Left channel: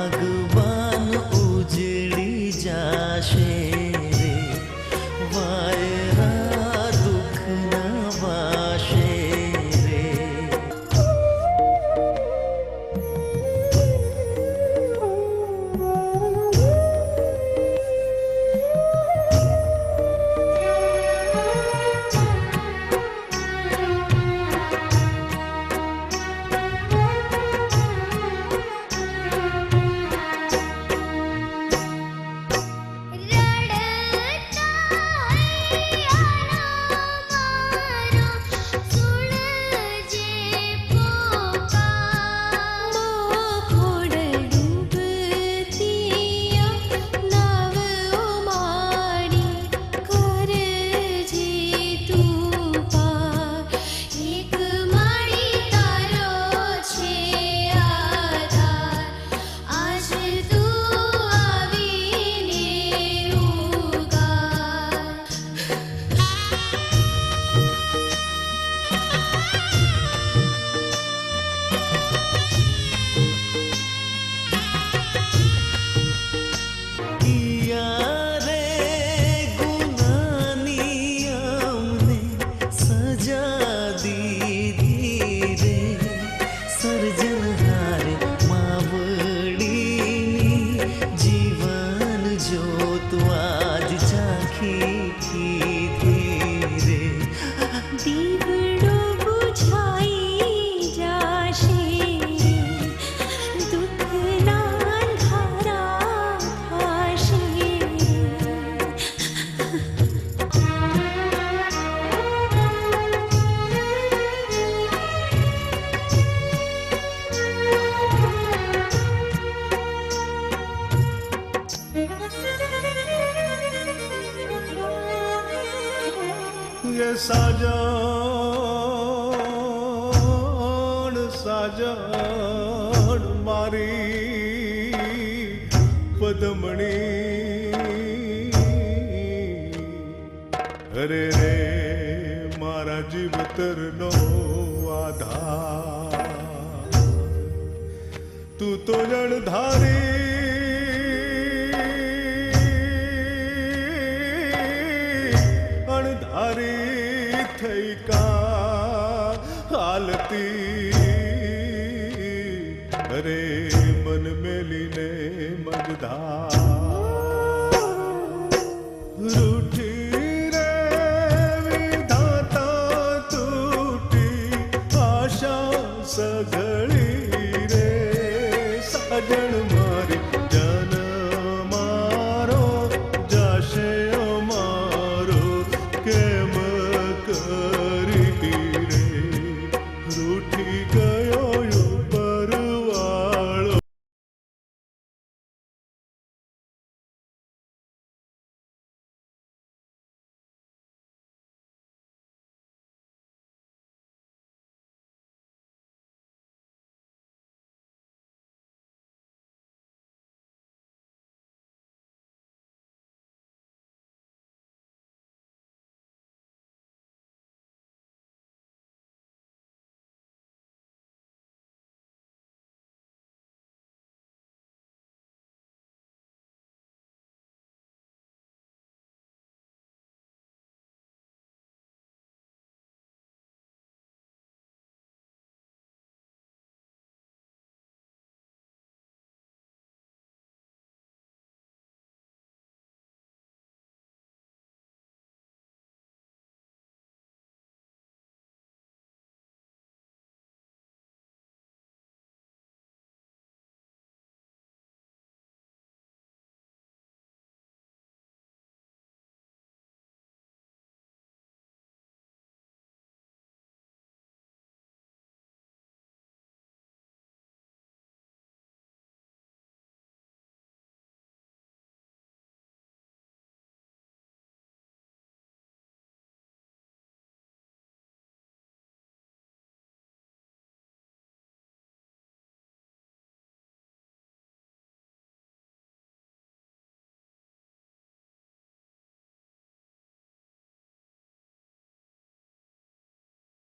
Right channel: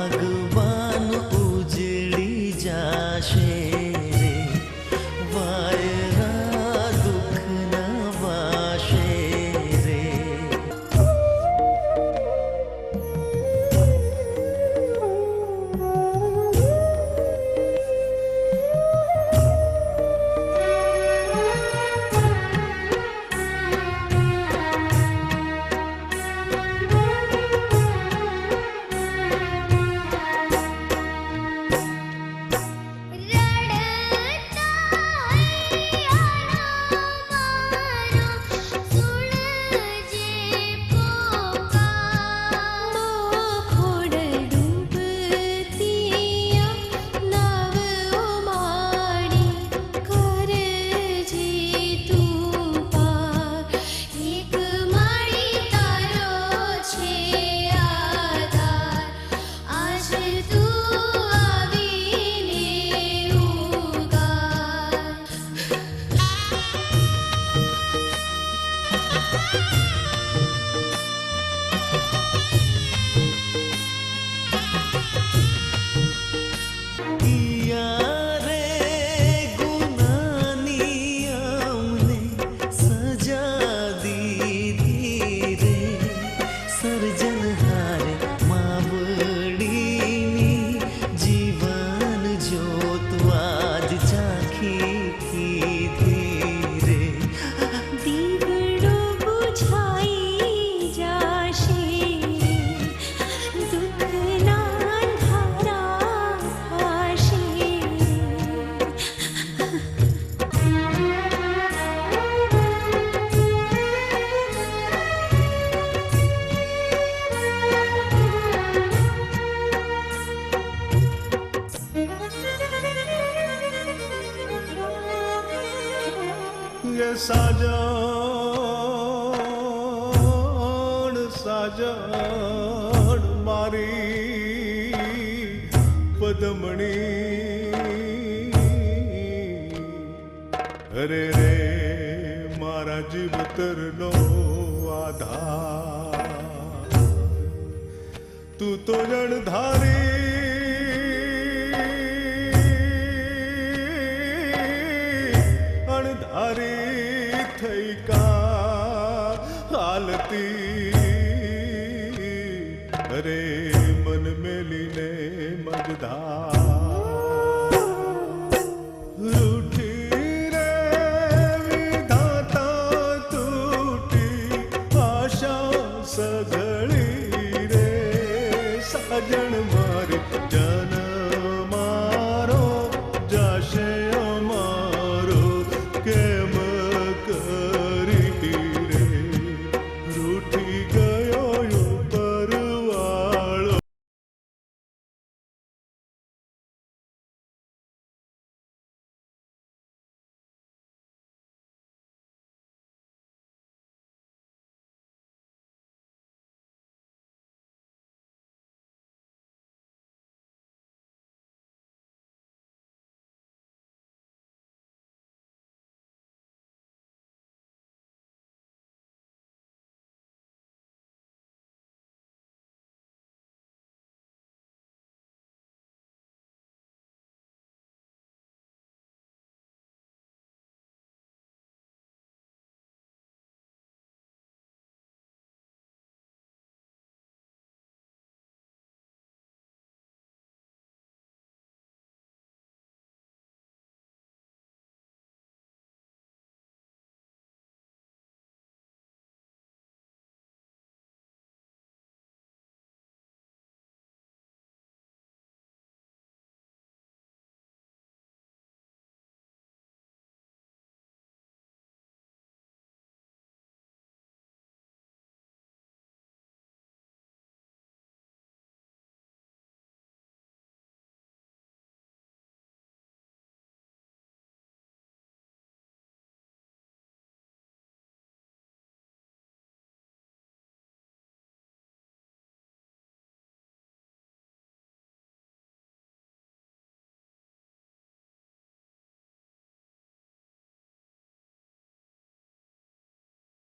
બાગબાન ઉજડી જાશે રે વાયરા রাখিছি સાજણ સાજણ મારી પદમણી. અરે રે મારા જીવતરનો આધાર. તું તો જણધારી થઈ કા હાલતી અરે મન મેલીને મગધા રૂઠી સઘળી રે સાજણ મારે જન મારો જશે મારો કેમ